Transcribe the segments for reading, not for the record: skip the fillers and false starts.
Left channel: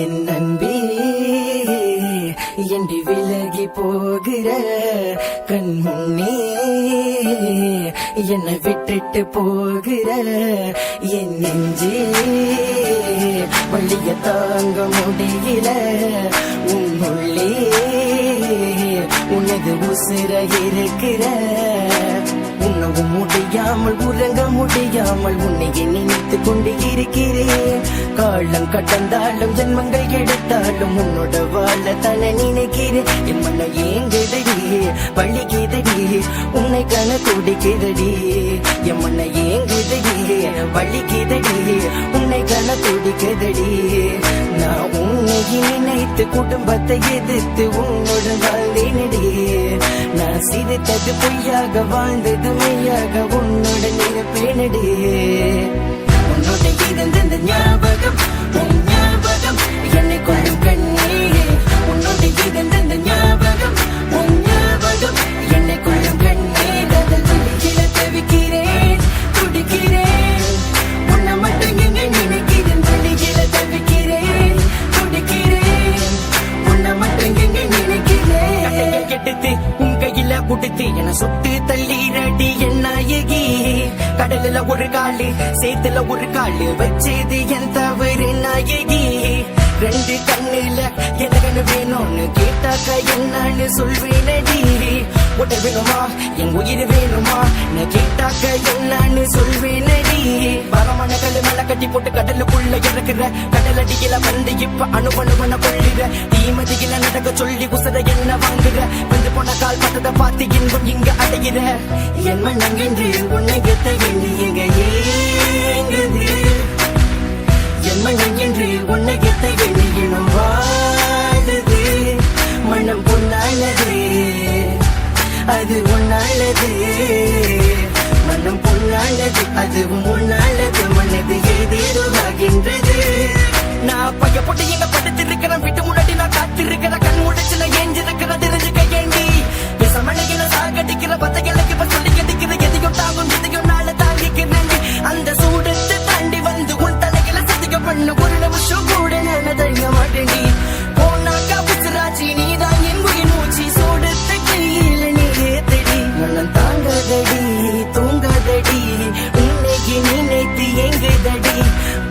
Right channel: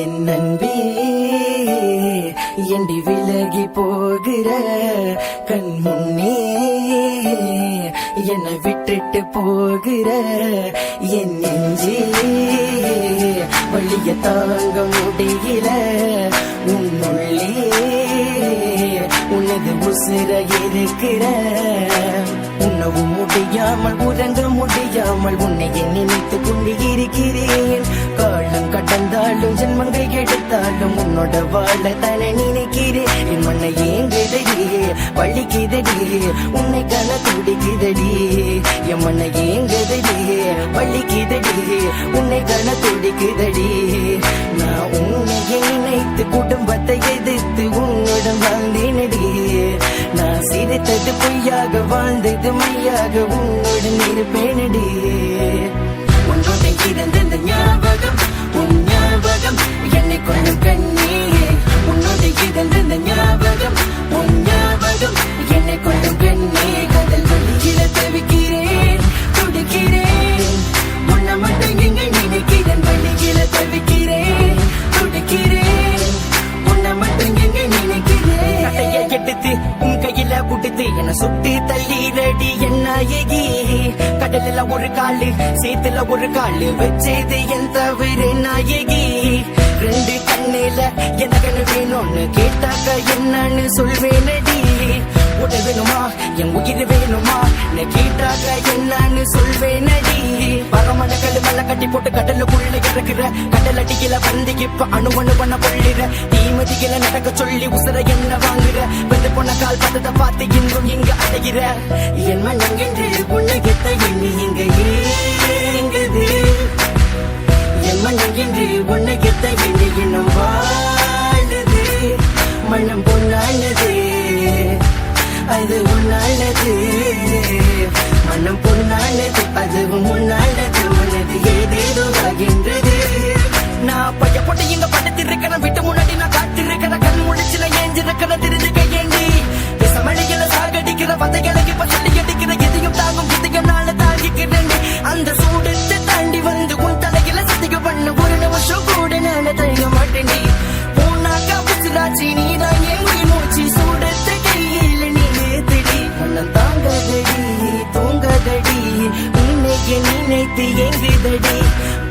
என் அன்பே எண்டி விலகி போகிற கண் முன்னே என்னை விட்டுட்டு போகிற என் நெஞ்சே வழிய தாங்க முடியல உன்னுள்ளே உனது உசிர இருக்கிற உணவும் முடியாமல் உறங்க முடியாமல் உன்னை நினைத்து கொண்டு இருக்கிறேன். காலம் கடந்தாலும் ஜென்மங்கள் எடுத்தாலும் உன்னோட வாழ தானே நினைக்கிறேன். என் மன ஏங்குதடி வலிக்குதடி உன்னை கண துடிக்குதடி. என் மன ஏங்குதடி வலிக்குதடி உன்னை கண துடிக்குதடி. நான் உன்னை நினைத்து குடும்பத்தை எதிர்த்து உன்னுடன் வாழ்ந்தேனடி. நான் சிரித்தது பொய்யாக வாழ்ந்தது மையாக உன்னுடன் இருப்பேனடி. உன்னோட இருந்த ஞாபகம் உன் ஞாபகம் என்னை கொள்ளும் கண்ணே. உன்னோட இருந்த ஞாபகம் உன் ஞாபகம் என்னை கொள்ளும் கண்ணே. கடல் வெளியில தவிக்கிறேன் துடிக்கிறேன் உன்னை மட்டும் எங்க நினைக்கிறேன். வெளியில தவிக்கிறேன் துடிக்கிறேன் உன்னை மட்டும் எங்க நினைக்கிறேன். எடுத்து உன் கையில குடுத்து என சுட்டு தள்ளீரடி என் நாயகி. கடலில ஒரு காலு சேத்துல ஒரு காலு வச்சது என் தவறு நாயகி. ரெண்டு கண்ணுல எனக்கு வேணும்னு கேட்டாக்க என்னன்னு சொல்வேனடி. உடல் வேணுமா என் உயிர் வேணுமா கேட்டாக்க என்னன்னு சொல்வேனடி. பகமான கல்லு மேல கட்டி போட்டு கடலுக்குள்ள இருக்கிற கடல் அடிக்கல வந்து இப்ப அணுவணுவன கொள்ளிற. தீமதியில நடக்க சொல்லி உசுர என்ன வாங்குற. வெந்து போன கால் பத்தத பார்த்து இங்கும் இங்க அடைகிற. என் மனங்கென்று உன்னை கெத்த எண்ணி எங்க ஏங்குது. என் மனம் என்று உன்னை கெத்த எண்ணி இன்னும் வாழுது. மனம் பொன்னானது அது உன்னானது. மனம் பொன்னானது அதுவும் உன்னானது. மனது ஏதேதுவாகின்றது. நான் பைய போட்டு இங்க படுத்து இருக்கிறேன். வீட்டு முன்னாடி நான் காத்து இருக்கிற கண் முடிச்சு நான் ஏஞ்சிருக்கிற தெரிஞ்சுக்க ஏண்டி. விசமணிகளை சாகடிக்கிற வதைகளுக்கு இப்ப சொல்லி எடுக்கிற எதையும் தாங்கும் எதையும் நாள தாங்கிக்கிறேன். அந்த சூடுத்து தாண்டி வந்து உன் தலைகளை சதிக்க பண்ணு ஒரு நிமிஷம் கூட நான் தழிய மாட்டேன்டி. போனாக்கா புச்சுராச்சி நீதான் என் உயிர் மூச்சு. சூடுத்த கையில் நீத்தடி மனம் தாங்கதடி தூங்கதடி உன்னைக்கு நினைத்து எங்குதடி.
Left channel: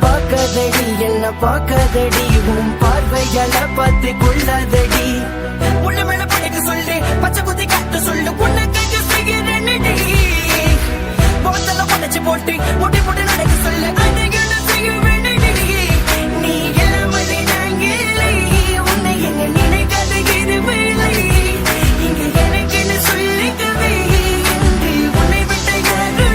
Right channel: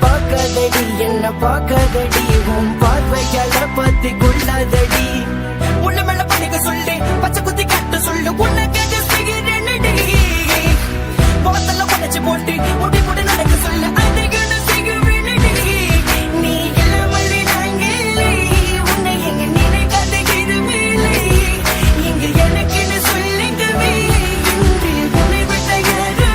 பார்க்கதடி என்ன பார்க்கதடி உன் பார்வையால பார்த்து கொள்ளாதடி. உள்ள மேல படைக்க சொல்லு பச்சை குத்தி கட்டு சொல்லு உன்னை கேட்க செய்கிறேன்டி. முகத்துல உடைச்சு போட்டு முடி போட்டு நடக்க சொல்லு அதுக்கு நான் செய்கிறேன்டி. நீ இல்லாமல் நாங்க இல்லை உன்னை எங்க நினைக்காத எதுவுமே இல்லை. இங்க எனக்கு என்ன சொல்லிக்கவே என்று உன்னை விட்ட யாரும்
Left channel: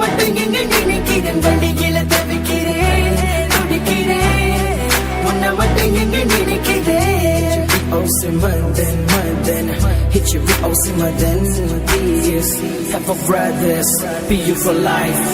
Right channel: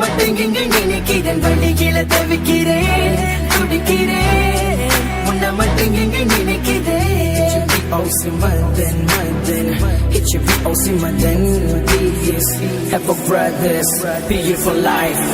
மட்டும் எங்க நினைக்கிறேன். வழியில தவிக்கிறேன் துடிக்கிறேன் உன்னை மட்டும் எங்க நினைக்கிறேன். Hit you with Osimadan. This have a brothers be you for life.